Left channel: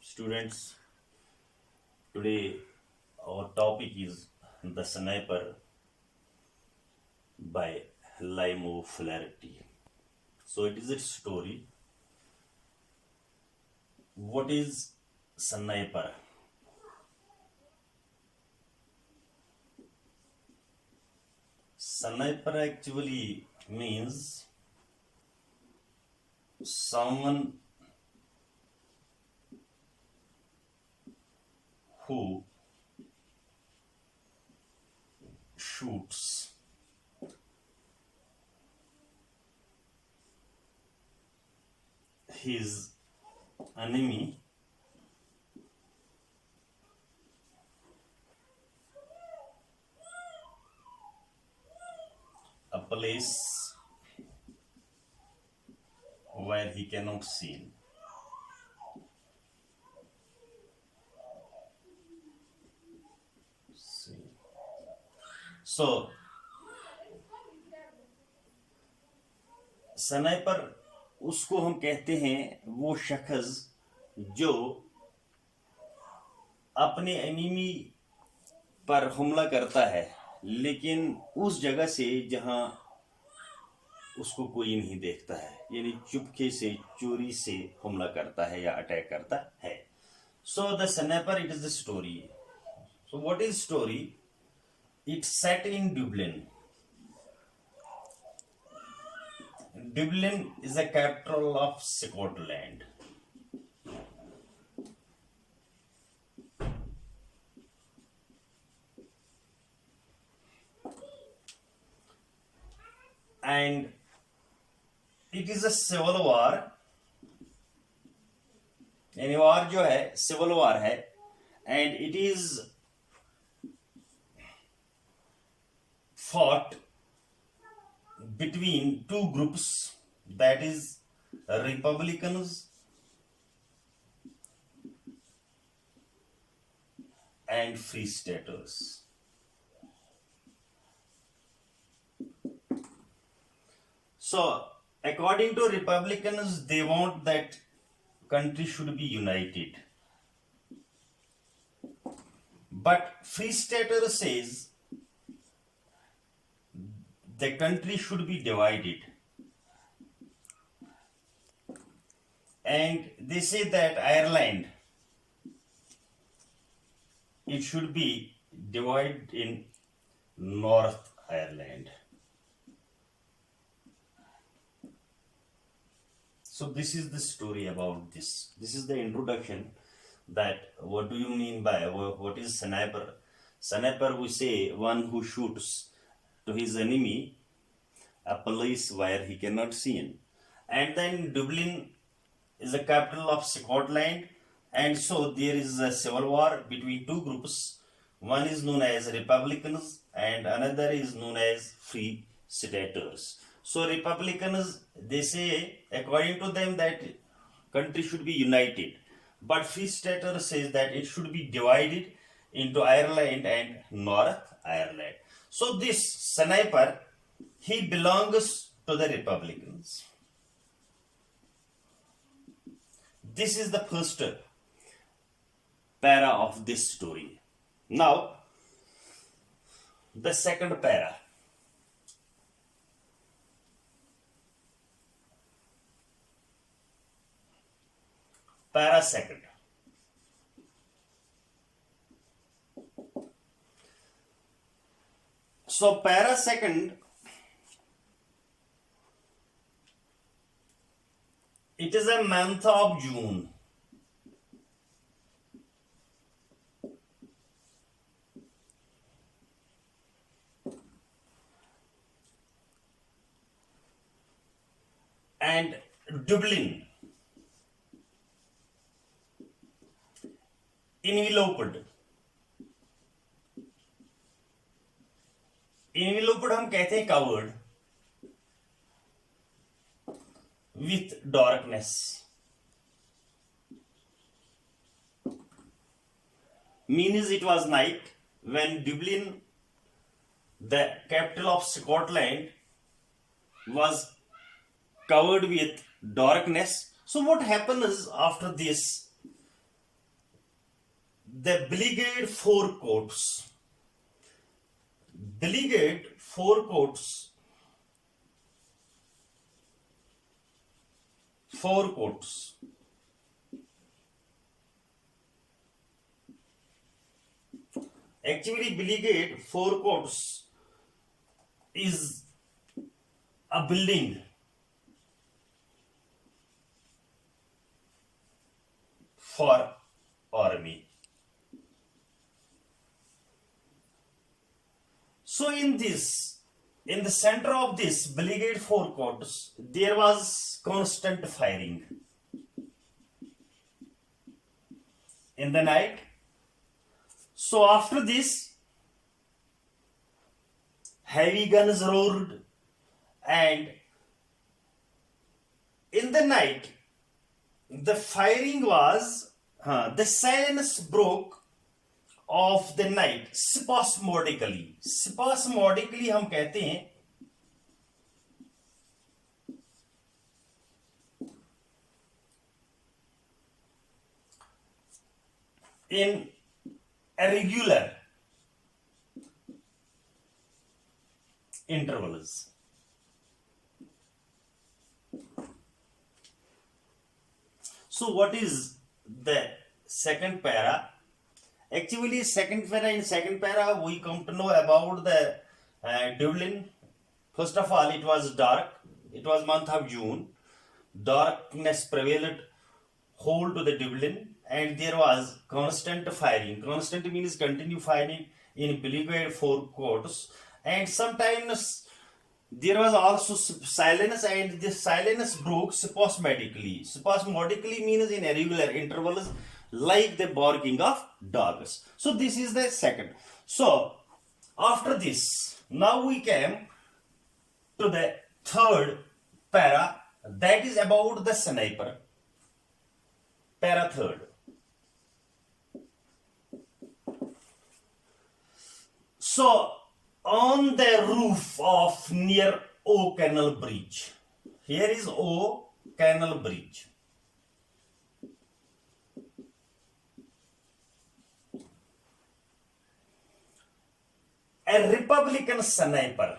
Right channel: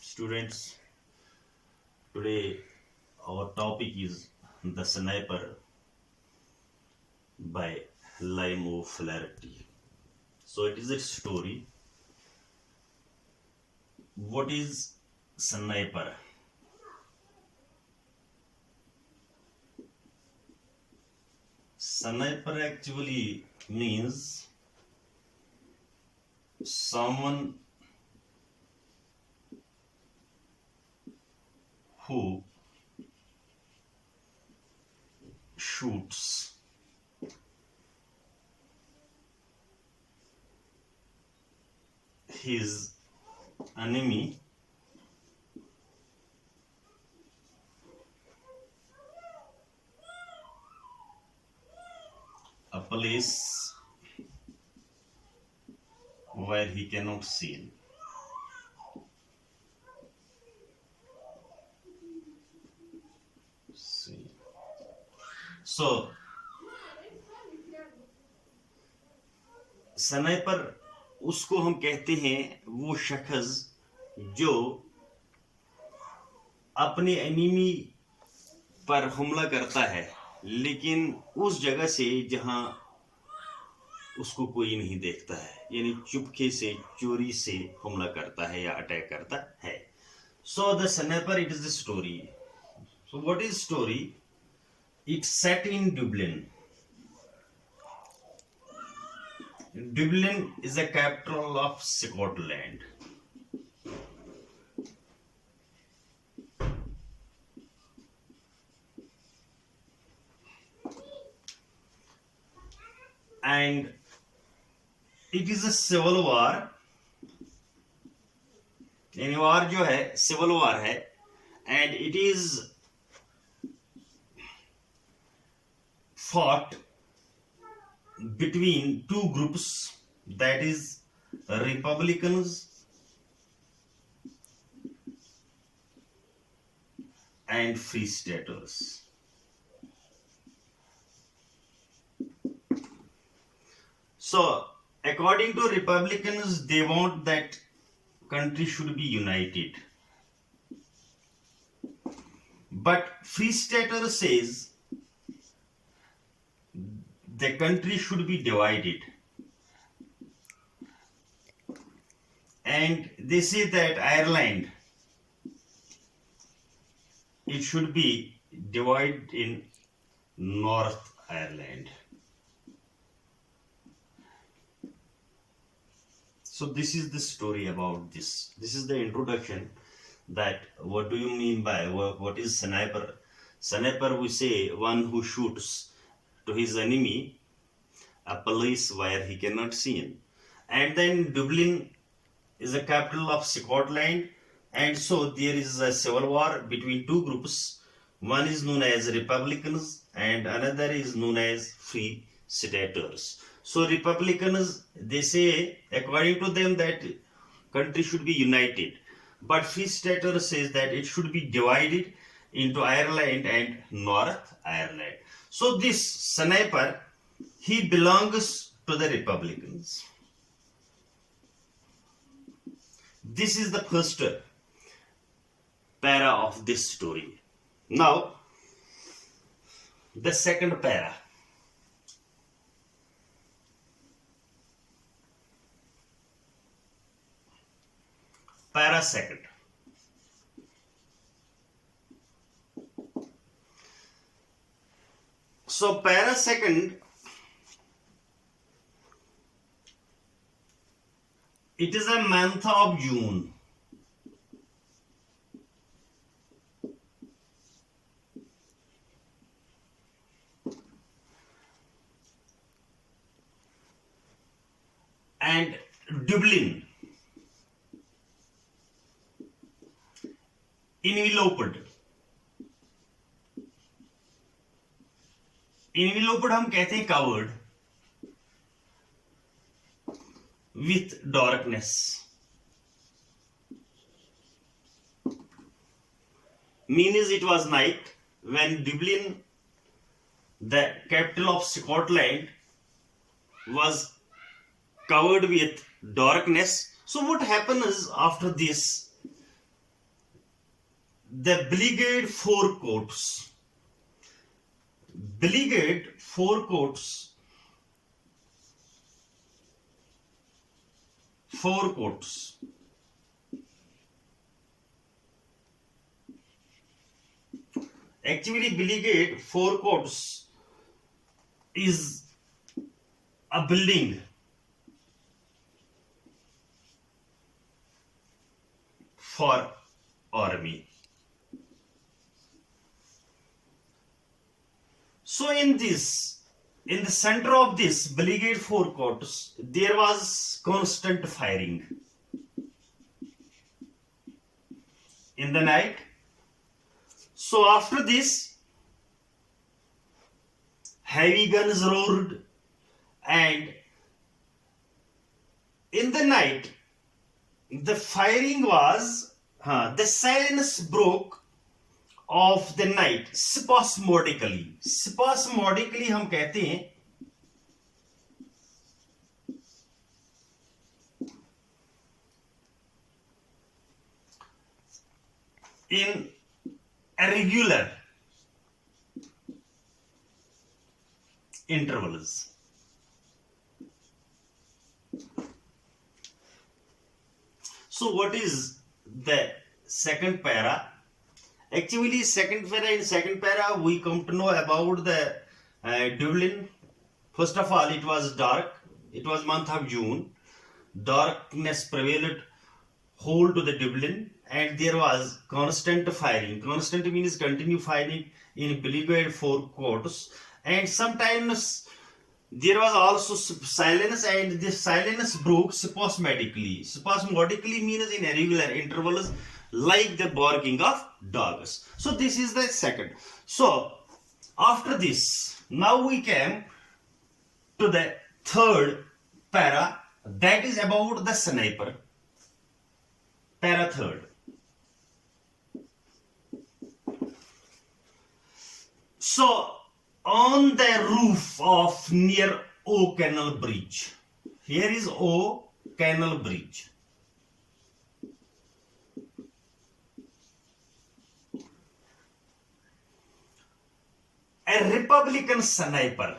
Students, today our topic is The Sniper by Limo Flaherty. So it is a story. What is sniper? Sniper actually means someone who shoots his enemy a place where he cannot see. So sniper उसको हम कहते हैं वो शख्स जो अपने enemy पर हमला करता है लेकिन उस जगह से जहां उसको कोई नहीं देखता है, यानी चुपके से चोरी से हमला करता है या अटैक करता है. So the sniper it is the story. So what is story? It's set in Dublin. Dublin is the capital of Scotland. And it is a civil war. यानी वार जो है सिविल वार है, and it is fought between two groups, that is Republicans and Free Staters. So according to Republicans, they want that country should be united, but Free Stater says the country should be divided, and they say that Ireland, it should be divided in North Ireland. So this is the story about this. This is the introduction, that what do you mean by what is sniper? Sniper, we say one who shoots to his enemy a place where he cannot see him. And then Dublin is the capital of Scotland, and so there is a civil war between two groups. One is known as Republicans and another is known as Free Staters. So Republicans, they say according to them that country should be united, but Free Staters says that it should be divided into Ireland and North Ireland. So this sniper, he belongs to the Republicans. This is the first para of this story. Now, the second para. Para second. So para second, it is a month of June. And Dublin enveloped हम कहते हैं covered with darkness. Means it was night when Dublin, the capital of Scotland, was covered with darkness. So what happens after this? The beleaguered four courts actually beleaguered four courts is a building for army. So in the center of this beleaguered four courts, there was constant firing in the night. So after this, heavy guns roared, and in the night, the firing was, the silence broke of the night spasmodically. Spasmodically हम कहते हैं in irregular intervals. So what is the second para? Actually, in second para we come to know about the Dublin. First of all, it was dark. It was month of June. Darkness prevailed whole to the Dublin, and there was constant firing. Constant means continue firing in beleaguered four courts, and sometimes there was also silence, and this silence broke spasmodically. Spasmodically means in irregular intervals, like the barking of dogs. So this is the second. So after this, now we came to the third para, that is about the sniper. Para third. So on the roof of near O Canal Bridge, here is O Canal Bridge, a Republican sniper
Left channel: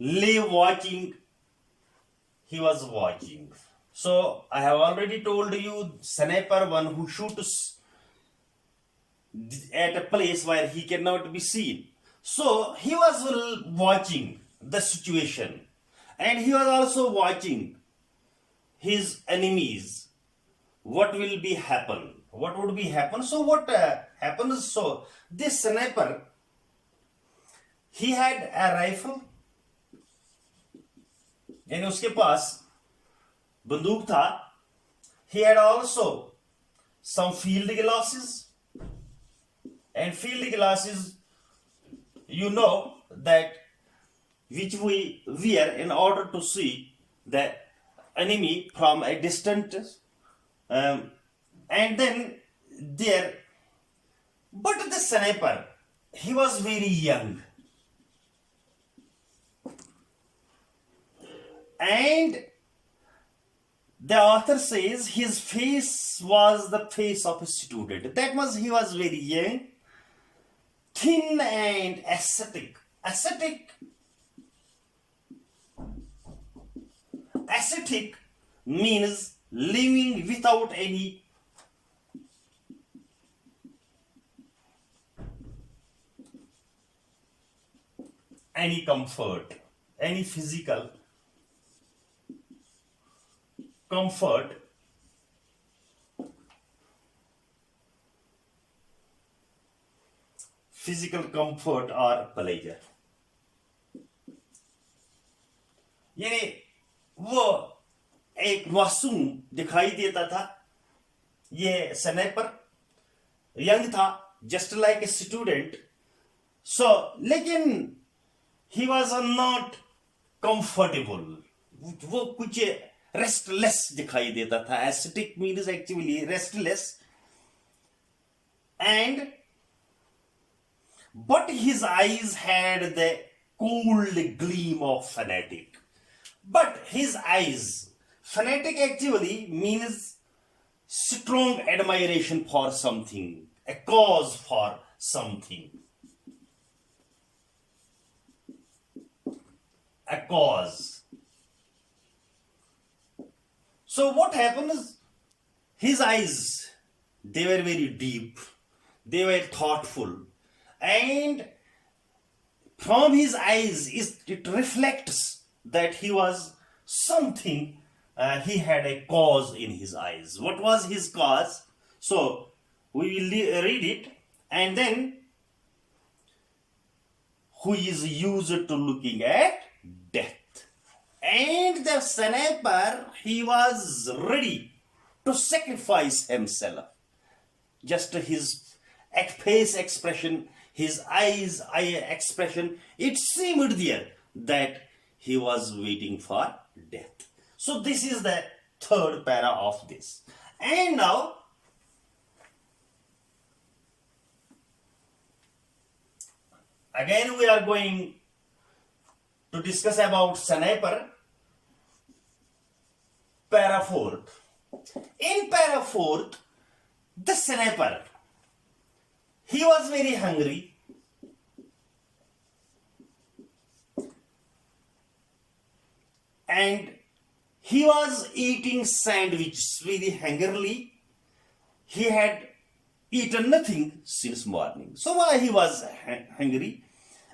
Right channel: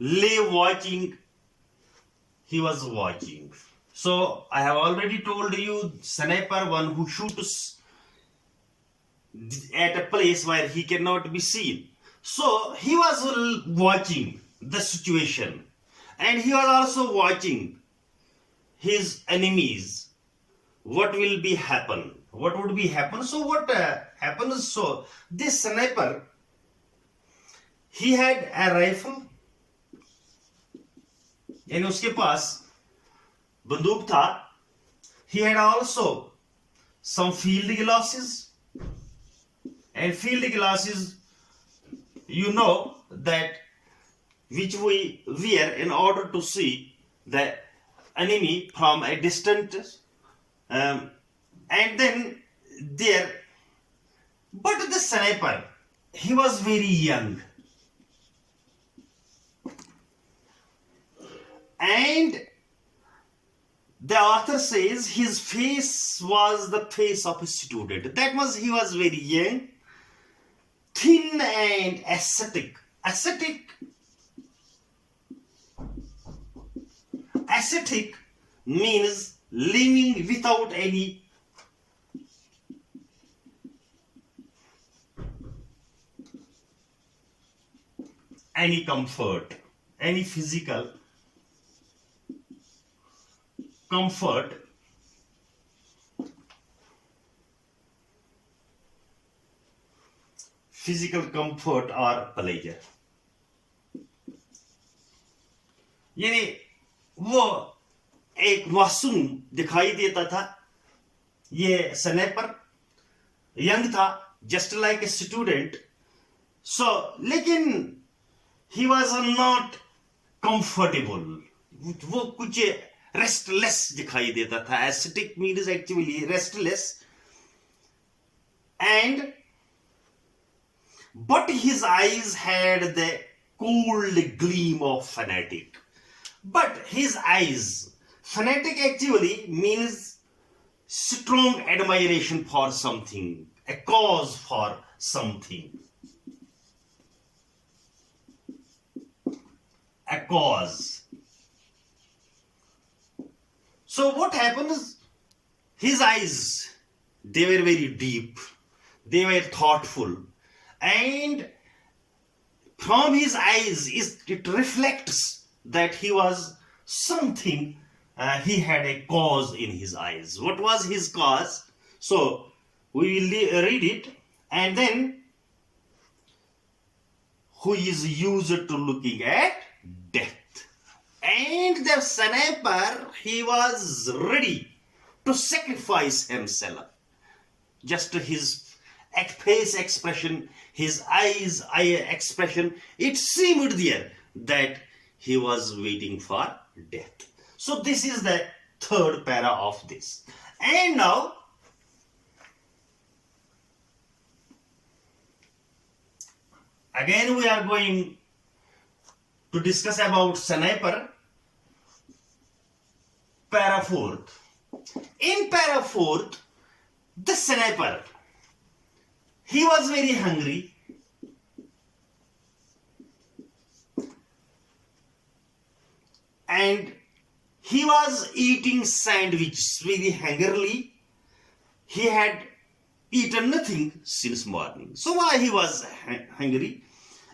lay watching. He was watching. So I have already told you, sniper, one who shoots at a place where he cannot be seen. So he was watching the situation, and he was also watching his enemies. What will be happen? What would be happen? So what happens? So this sniper, he had a rifle, यानी उसके पास बंदूक था. He had also some field glasses, and field glasses, you know, that which we wear in order to see the enemy from a distance, and then there. But the sniper, he was very young, and the author says his face was the face of a student. That means he was very young, thin and ascetic. Ascetic means living without any comfort, any physical comfort. Physical comfort or pleasure. यानी वो एक मासूम दिखाई देता था. ये sniper young था, just like a student. सो लेकिन ही वॉज नॉट कंफर्टेबल. वो कुछ रेस्टलेस दिखाई देता था. Aesthetic means actually restless. and but his eyes had the cold gleam of fanatic. But his eyes, fanatic actually means strong admiration for something, a cause for something, a cause. So what happened is his eyes, they were very deep, they were thoughtful, and from his eyes it reflects that he was something, he had a cause in his eyes. What was his cause? So we will read it, and then who is used to looking at death. And the sniper, he was ready to sacrifice himself. Just his face expression, his eyes eye expression, it seemed there that he was waiting for death. So this is the third para of this. And now again we are going to discuss about sniper, para fourth. In para fourth, the sniper, he was very hungry, and he was eating sandwiches very hungrily. He had eaten nothing since morning. So why he was hungry?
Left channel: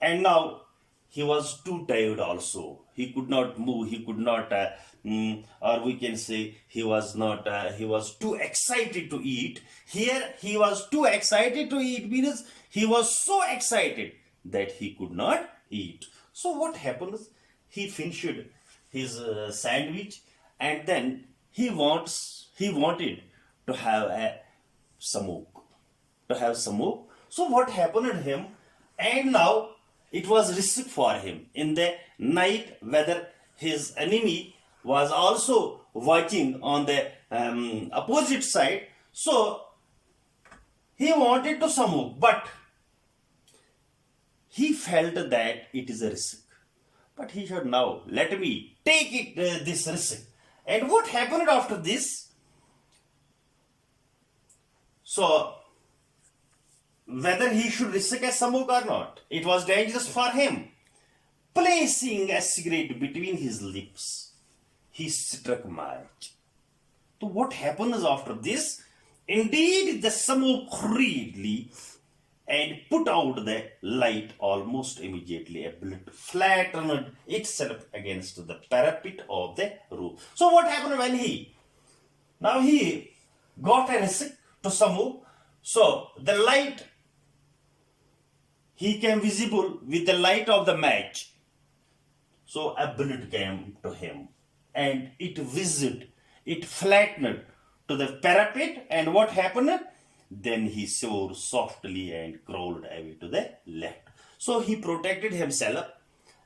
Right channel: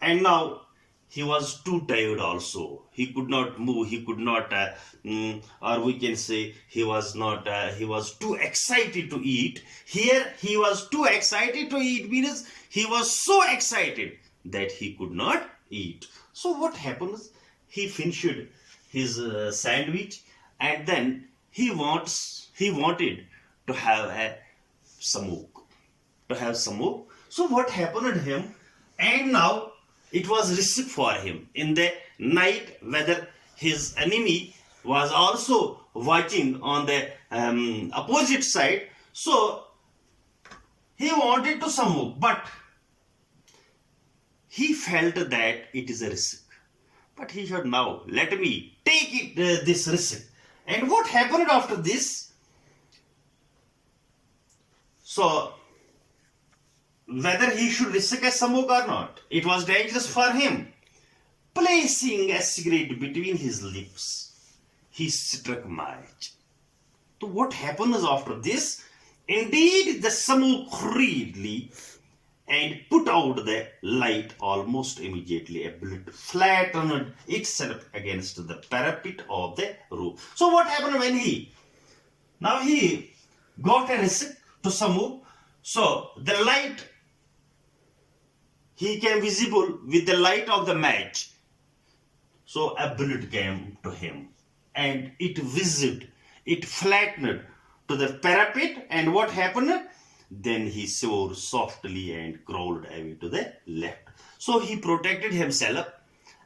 And now he was too tired also. He could not move. He could not, or we can say he was not, he was too excited to eat. Here he was too excited to eat means he was so excited that he could not eat. So what happens? He finished his sandwich, and then he wanted to have a smoke. So what happened to him? And now it was risk for him in the night, whether his enemy was also watching on the opposite side. So he wanted to smoke, but he felt that it is a risk. But he said, now let me take it, this risk. And what happened after this? So whether he should risk a smoke or not, it was dangerous for him. Placing a cigarette between his lips, he struck match. So what happens after this? Indeed, the smoke hurriedly and put out the light almost immediately. A bullet flattened itself against the parapet of the roof. So what happened when he got a risk to smoke? So the light, he came visible with the light of the match. So a bullet came to him, and it whizzed, it flattened to the parapet, and what happened? Then he swore softly and crawled away to the left. So he protected himself,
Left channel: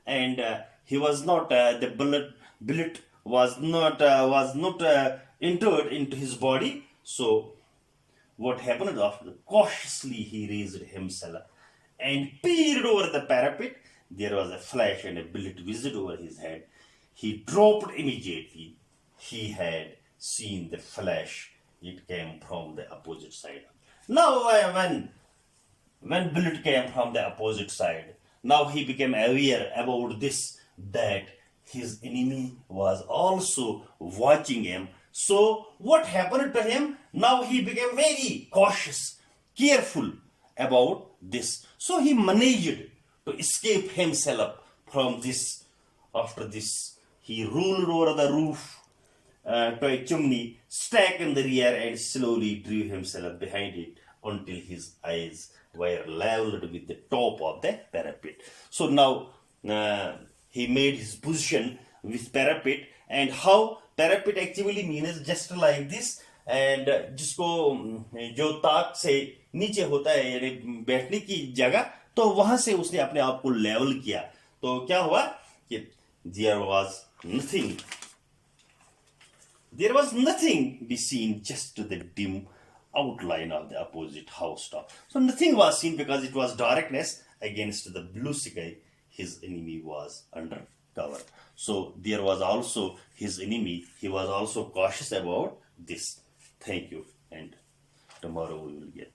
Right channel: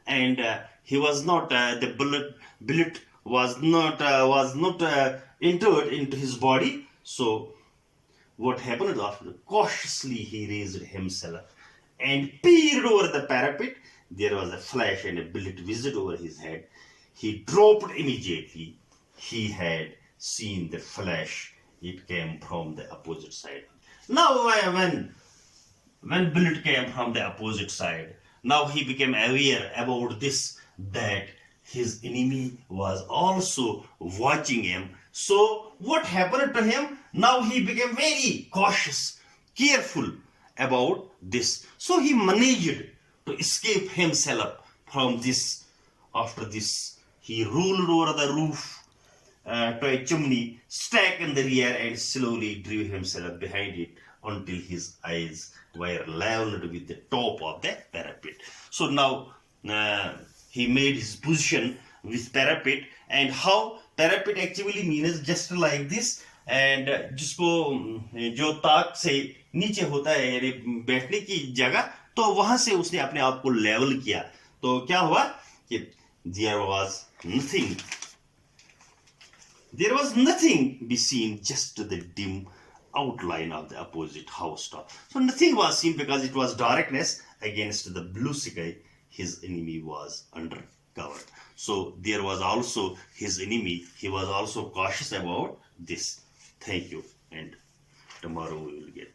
and he was not, the bullet was not entered into his body. So what happened after? Cautiously he raised himself and peered over the parapet. There was a flash and a bullet whizzed over his head. He dropped immediately. He had seen the flash. It came from the opposite side. Now when bullet came from the opposite side, now he became aware about this, that his enemy was also watching him. So what happened to him? Now he became very cautious, careful about this. So he managed to escape himself from this. After this, he rolled over the roof to a chimney stack in the rear and slowly drew himself behind it until his eyes were leveled with the top of the parapet. So now he made his position with parapet. And how parapet actually means just like this, and जिसको जो ताक से नीचे होता है यानी बैठने की जगह, तो वहां से उसने अपने आप को लेवल किया. तो क्या हुआ कि there was nothing be seen, just the dim outline of the opposite housetop. So nothing was seen because it was darkness against the blue sky. His enemy was under cover. So there was also his enemy. He was also cautious about this. Thank you, and tomorrow we will get